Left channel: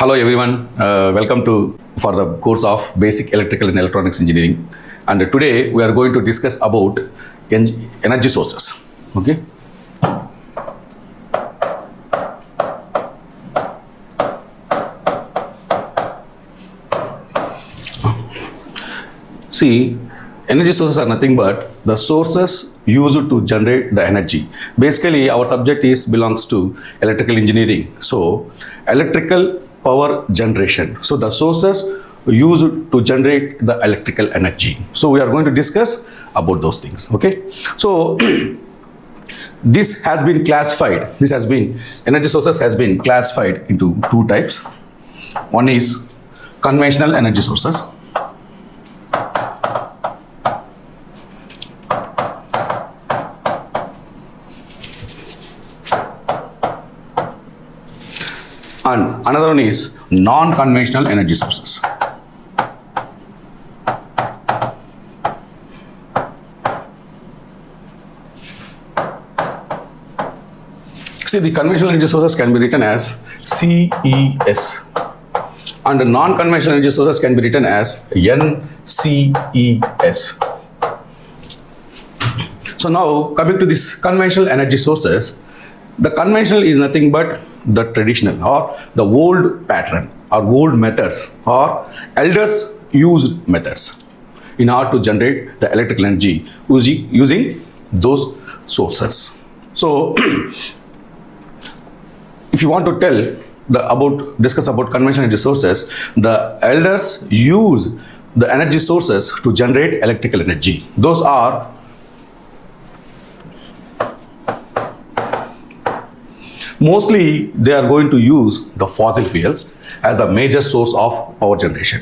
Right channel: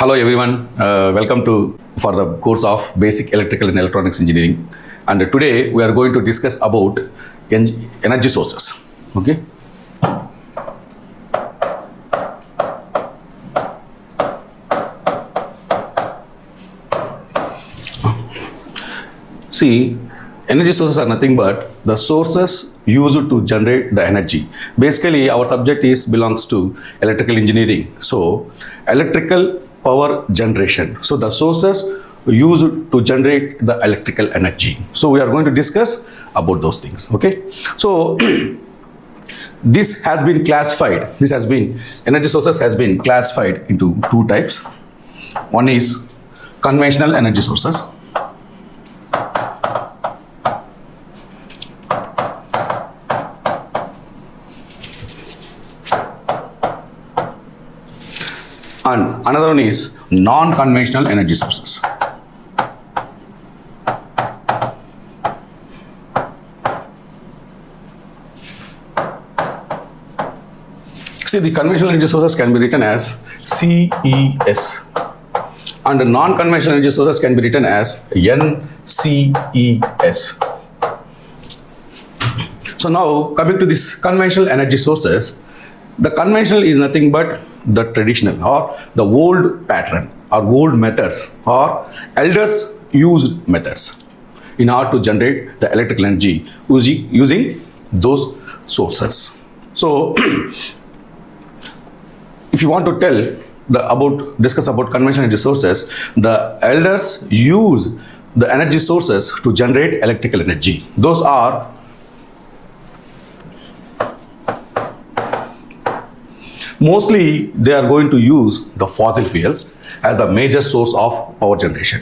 Hello everyone, welcome to for the course of Basic Electrical and Electronics Engineering, and today we are going to discuss about energy sources. Okay. See, energy sources are nothing but the sources used to generate the energy. Basically, our subject belongs to electrical engineering. So, electrical power generation. So, the sources used to generate the electrical energy. So, we are going to discuss about those things. Okay. So, this has been classified. Energy sources has been classified into two types. One is conventional energy sources. And another one is non-conventional energy sources. See, the conventional energy sources can be written as CES, and the non-conventional energy sources can be written as NCES. So now, coming to this conventional energy sources, the conventional is nothing but the traditional or the old pattern or old methods or elders used methods in order to generate the electrical energy using those sources. So, if you want to discuss about conventional energy sources, the elders use the energy sources to generate electrical energy. Those are mostly they are going to use the fossil fuels as the major source of power generation.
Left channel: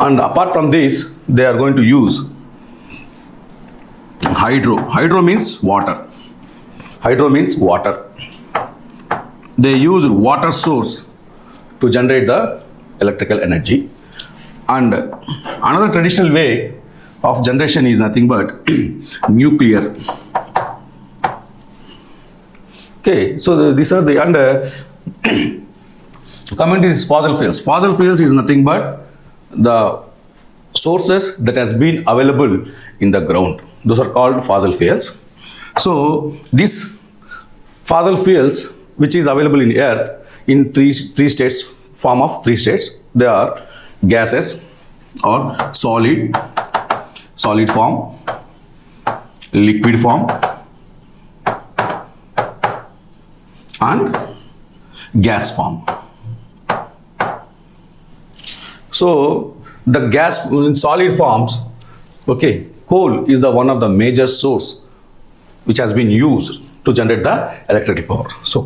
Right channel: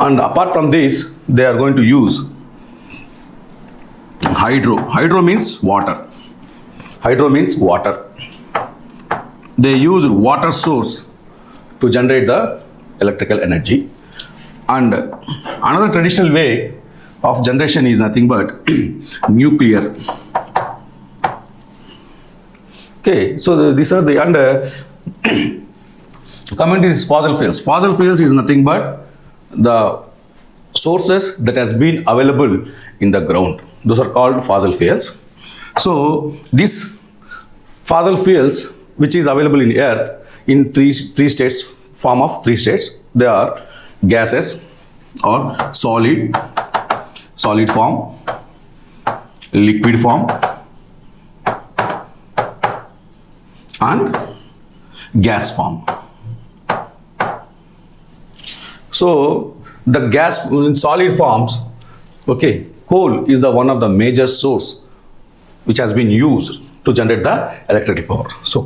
And apart from this, they are going to use hydro. Hydro means water. Hydro means water. They use water source to generate the electrical energy. And another traditional way of generation is nothing but nuclear. Okay, so these are the coming to this fossil fuels. Fossil fuels is nothing but the sources that has been available in the ground. Those are called fossil fuels. So this fossil fuels, which is available in earth in three states, form of three states. They are gases or solid form, liquid form, and gas form. So the gas in solid forms, okay, coal is the one of the major source which has been used to generate the electric power. So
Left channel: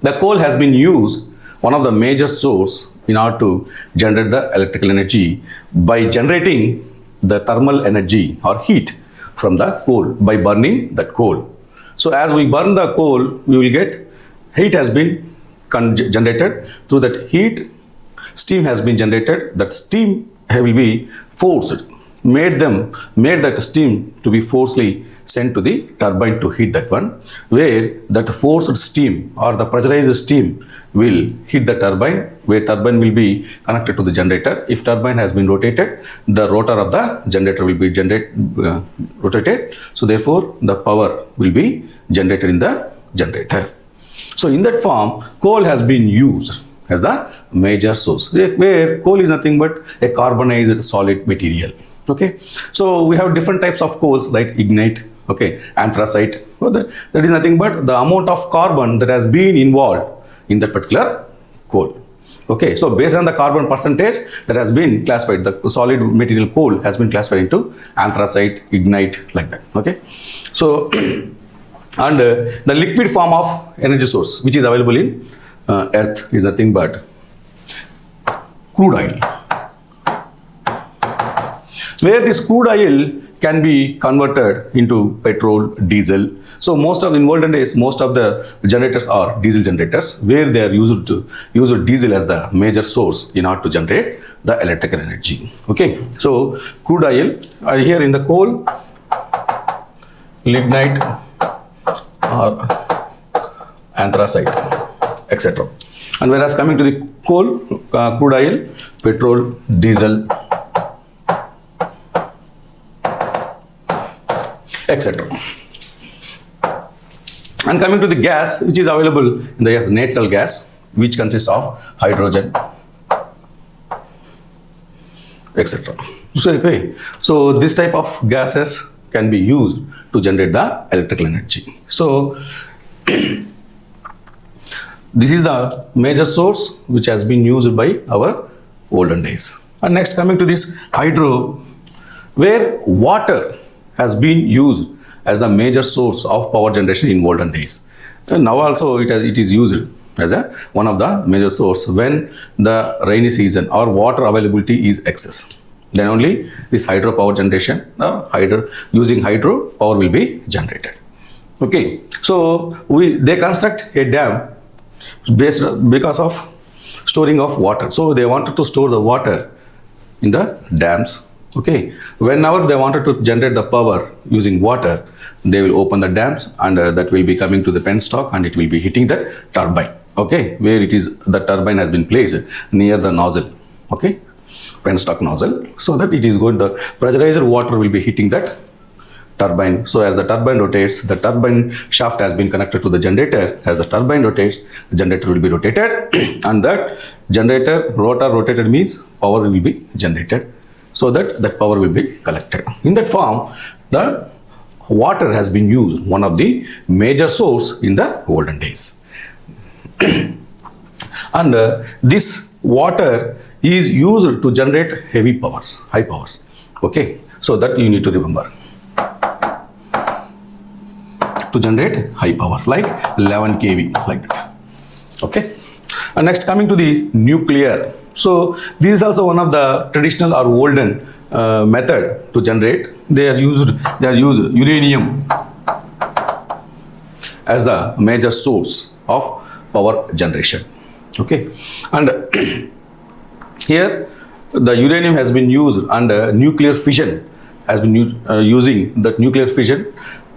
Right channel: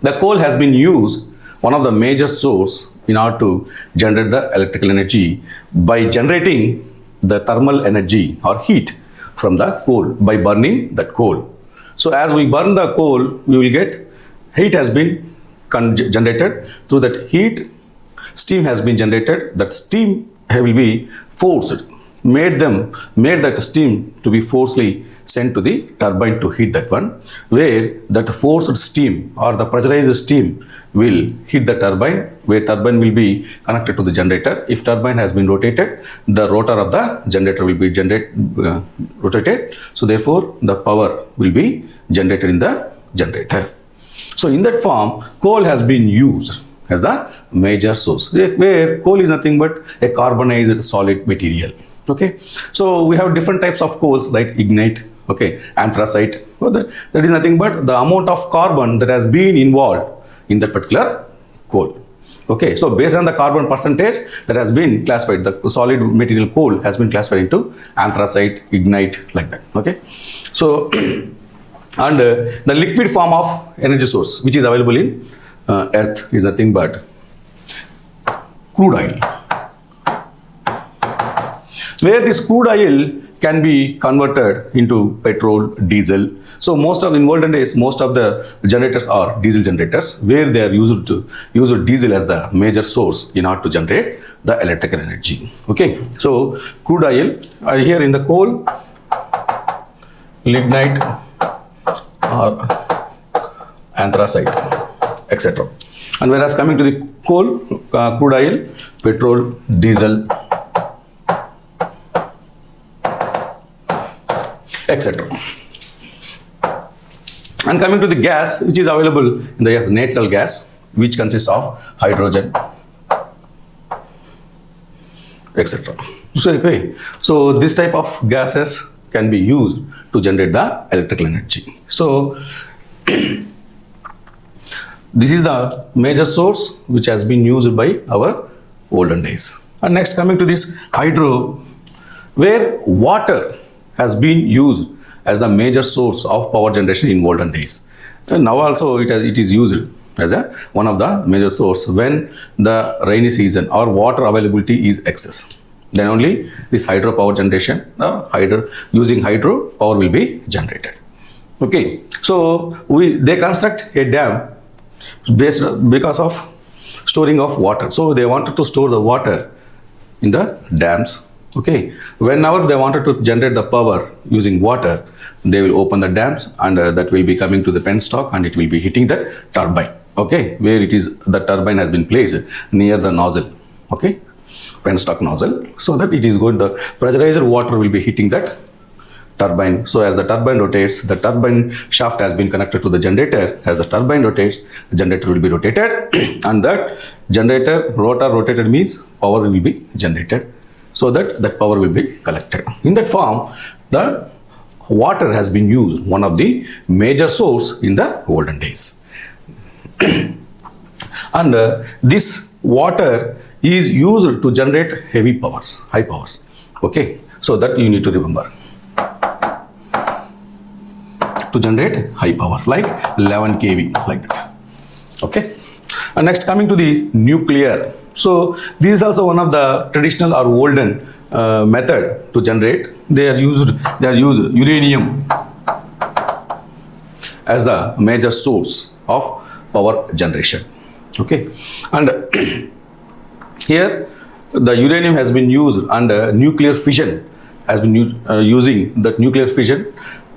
the coal has been used one of the major source in order to generate the electrical energy by generating the thermal energy or heat from the coal by burning that coal. So as we burn the coal, we will get heat has been generated. Through that heat, steam has been generated. That steam will be forced, made that steam to be forcibly sent to the turbine to heat that one, where that forced steam or the pressurized steam will hit the turbine, where turbine will be connected to the generator. If turbine has been rotated, the rotor of the generator will be rotated. So therefore, the power will be generated in the generator. So in that form, coal has been used as the major source, where coal is nothing but a carbonized solid material. Okay, so we have different types of coals like ignite, okay, anthracite. So that is nothing but the amount of carbon that has been involved in that particular coal. Okay, so based on the carbon percentage that has been classified, the solid material coal has been classified into anthracite, ignite, like that. Okay, so and the liquid form of energy source which is available in earth is nothing but crude oil, where this crude oil can be converted into petrol, diesel. So most of the generators are diesel generators, where they are used diesel as the major source in order to generate the electrical energy. Okay, so crude oil here in the coal, lignite, anthracite, etc. And whereas coming to the coal, crude oil, petrol, diesel, etc. And coming to the gas, which is available in the natural gas, which consists of hydrogen, etc. So this type of gases can be used to generate the electrical energy. So this is the major source which has been used by our olden days. And next coming to this hydro, where water has been used as the major source of power generation in olden days. So now also it is used as one of the major source when the rainy season or water availability is excess. Then only this hydropower generation, using hydro power will be generated. Okay, so they construct a dam because of storing of water. So they wanted to store the water in the dams. Okay, whenever they wanted to generate the power using water, they will open the dams and that will be coming to the penstock and it will be hitting the turbine. Okay, where it is the turbine has been placed near the nozzle. Okay, penstock nozzle, so that it is going, the pressurized water will be hitting that turbine. So as the turbine rotates, the turbine shaft has been connected to the generator. As the turbine rotates, the generator will be rotated and the generator rotor rotated means power will be generated, so that power will be collected. In that form, the water has been used, one of the major source in the olden days. And this water is used to generate heavy powers, high powers. Okay, so that you need to remember. To generate high powers like 11 kV, like that. Okay, and next coming to the nuclear. So this is also one of the traditional or olden method to generate. They are used uranium as the major source of power generation. Okay, and here the uranium has been used and nuclear fission has been using that nuclear fission.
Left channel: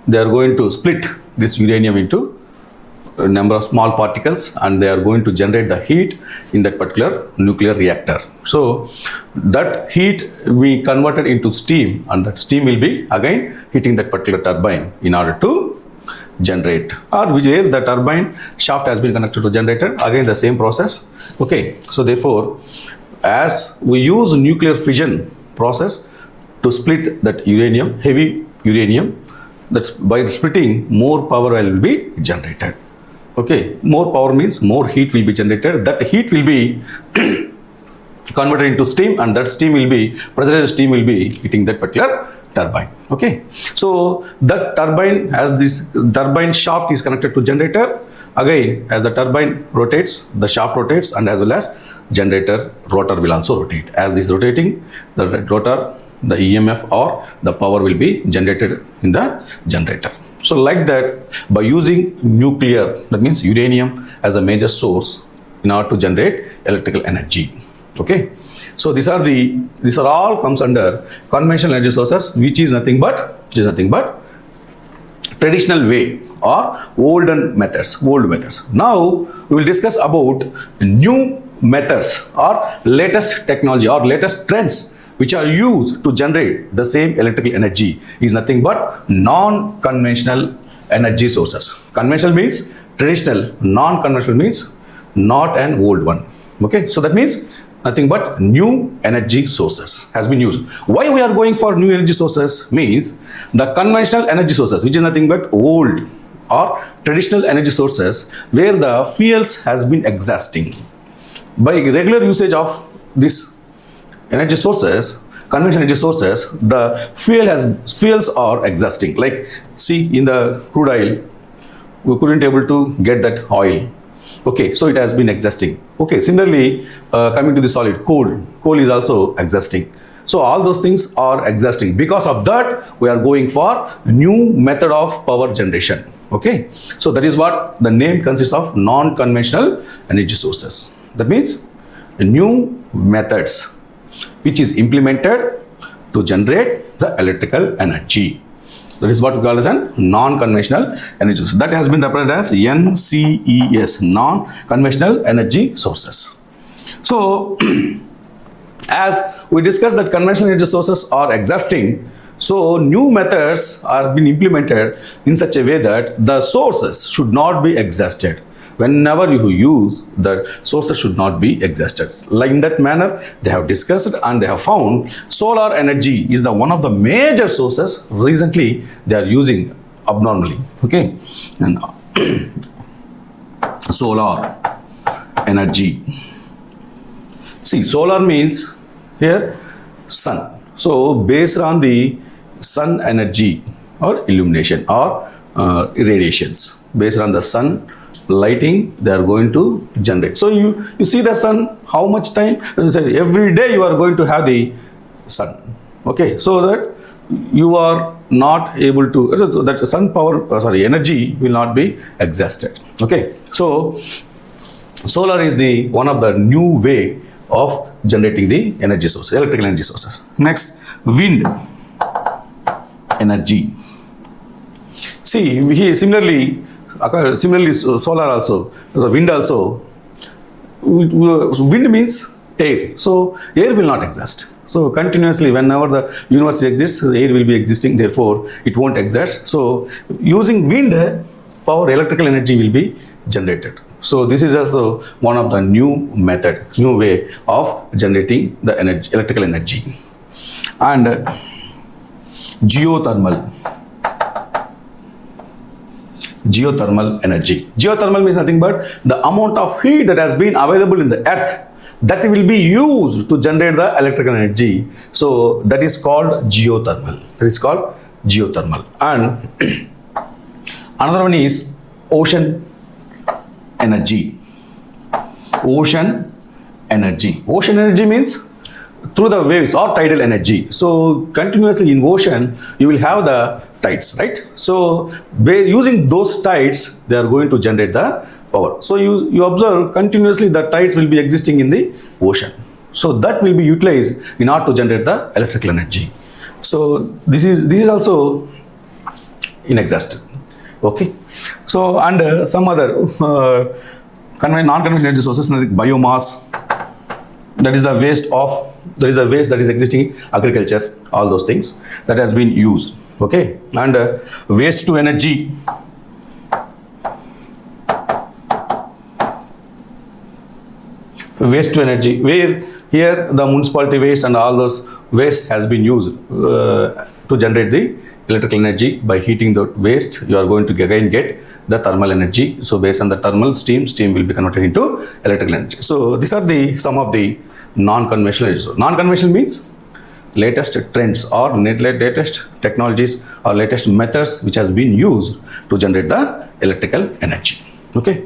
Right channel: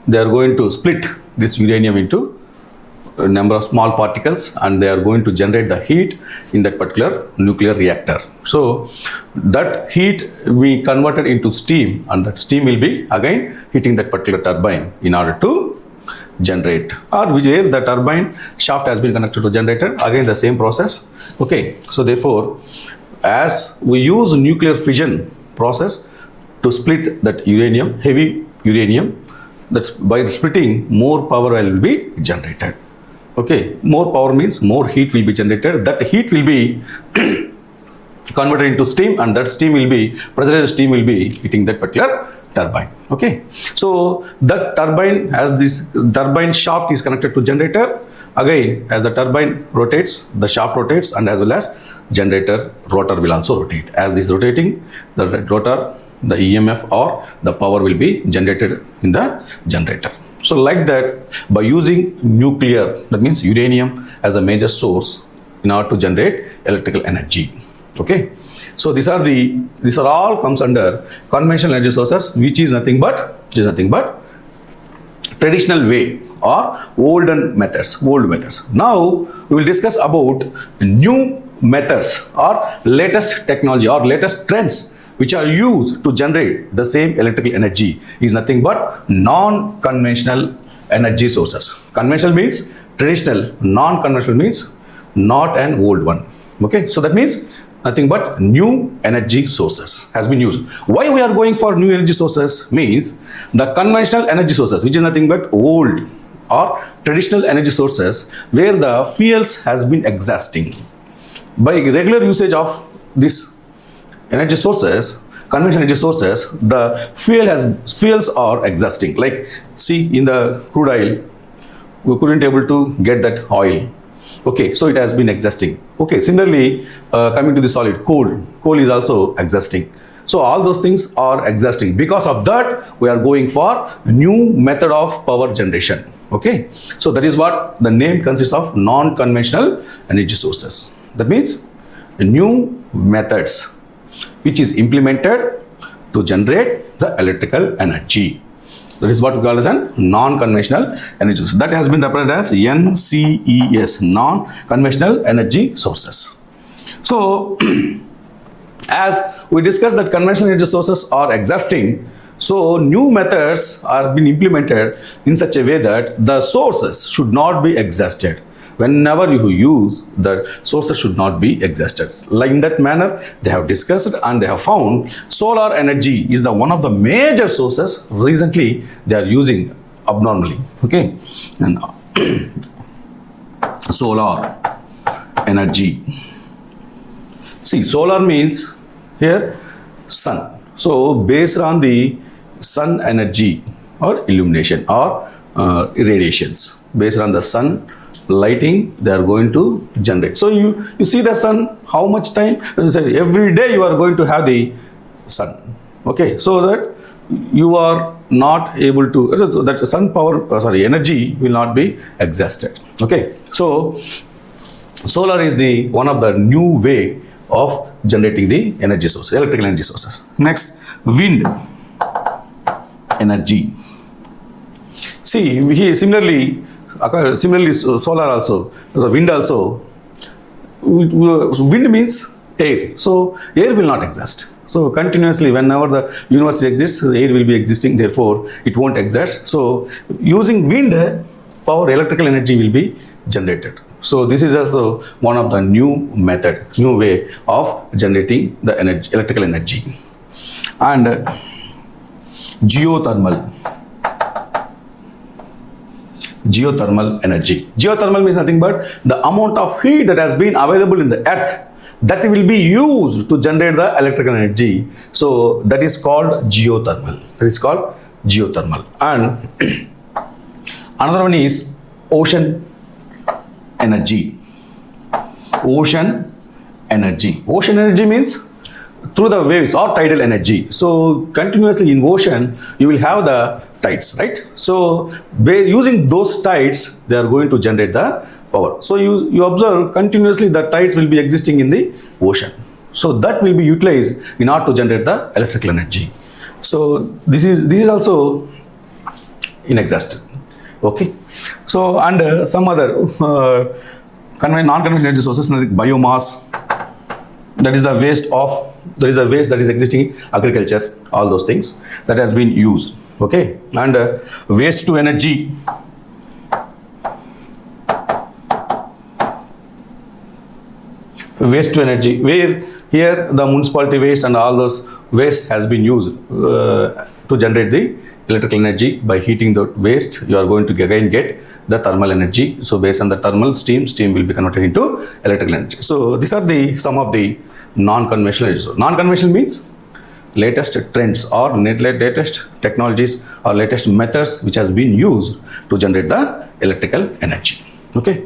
They are going to split this uranium into a number of small particles and they are going to generate the heat in that particular nuclear reactor. So that heat we converted into steam and that steam will be again hitting that particular turbine in order to generate, or where the turbine shaft has been connected to generator, again the same process. Okay, so therefore as we use nuclear fission process to split that uranium, heavy uranium, that's by splitting more power will be generated. Okay, more power means more heat will be generated. That heat will be converted into steam and that steam will be, pressurized steam will be hitting that particular turbine. Okay, so that turbine, as this turbine shaft is connected to generator, again as the turbine rotates, the shaft rotates and as well as generator rotor will also rotate. As this rotating, the rotor, the EMF or the power will be generated in the generator. So like that, by using nuclear, that means uranium as a major source in order to generate electrical energy. Okay, so these are all comes under conventional energy sources, which is nothing but traditional way or old methods. Now we will discuss about new methods or latest technology or latest trends which are used to generate the same electrical energy is nothing but non-conventional energy sources. Conventional means traditional, non-conventional means not an old one. Okay, so that means nothing but new energy sources has been used. Why we are going for new energy sources means the conventional energy sources, which is nothing but old or traditional energy sources, where the fuels has been exhausted. By regular usage of this energy sources, conventional energy sources, the fuels are exhausting. Like see in the crude oil, we couldn't able to get that oil. Okay, so it has been exhausting. Okay, similarly, coming to the solid, coal is also exhausting. So all those things are exhausting. Because of that, we are going for new method of power generation. Okay, so that is what the name consists of, non-conventional energy sources. That means new methods which is implemented to generate the electrical energy. That is what we call as a non-conventional energy source. That has been represented as NCES, non-conventional energy sources. So, as we discussed that conventional energy sources are exhausting, so new methods are being implemented in such a way that the sources should not be exhausted. Whenever you use, the sources should not be exhausted. Like in that manner, they have discussed and they have found solar energy is the one of the major sources recently they are using abnormally. Okay, and solar energy. See, solar means here sun. So based on the sun energy or illumination or radiations, based on the sun lighting, they are going to generate. So you see the sun, how much time? Every day you are going to have the sun. Okay, so that you are not able to, so that sun power, energy will not be exhausted. Okay, so solar is the one of the new way of generating the energy sources, electrical energy sources. Next, wind energy. See, here similarly solar also, wind also. Wind means air. So air will not exist. So continuously, whenever the universe exists, air will be existing. Therefore, it won't exist. So using wind power, electrical energy will be generated. So this is also one of the new way of generating the energy, electrical energy. And geothermal energy. Geothermal means nothing but the amount of heat that has been available in the earth that will be used to generate the electrical energy. So that is called geothermal. And another one is ocean energy. Ocean energy means through the waves or tidal energy. So continuously in ocean, you will have the tides, right? So by using those tides, they are going to generate the power. So you observe continuously the tides will be existing in the ocean. So that will be utilized in order to generate the electrical energy. So this is also inexhausting. Okay. So and some other non-conventional energy sources like biomass. That is the waste that is existing in agriculture, all those things that has been used. Okay, and waste to energy. Where here the municipality waste and all those waste has been used to generate the electrical energy. By heating the waste, you are going to get the thermal energy. So based on the thermal steam will be converted into electrical energy. So these are some of the non-conventional energy. Non-conventional means latest trends or latest technologies or latest methods which has been used to generate the electrical energy. Okay.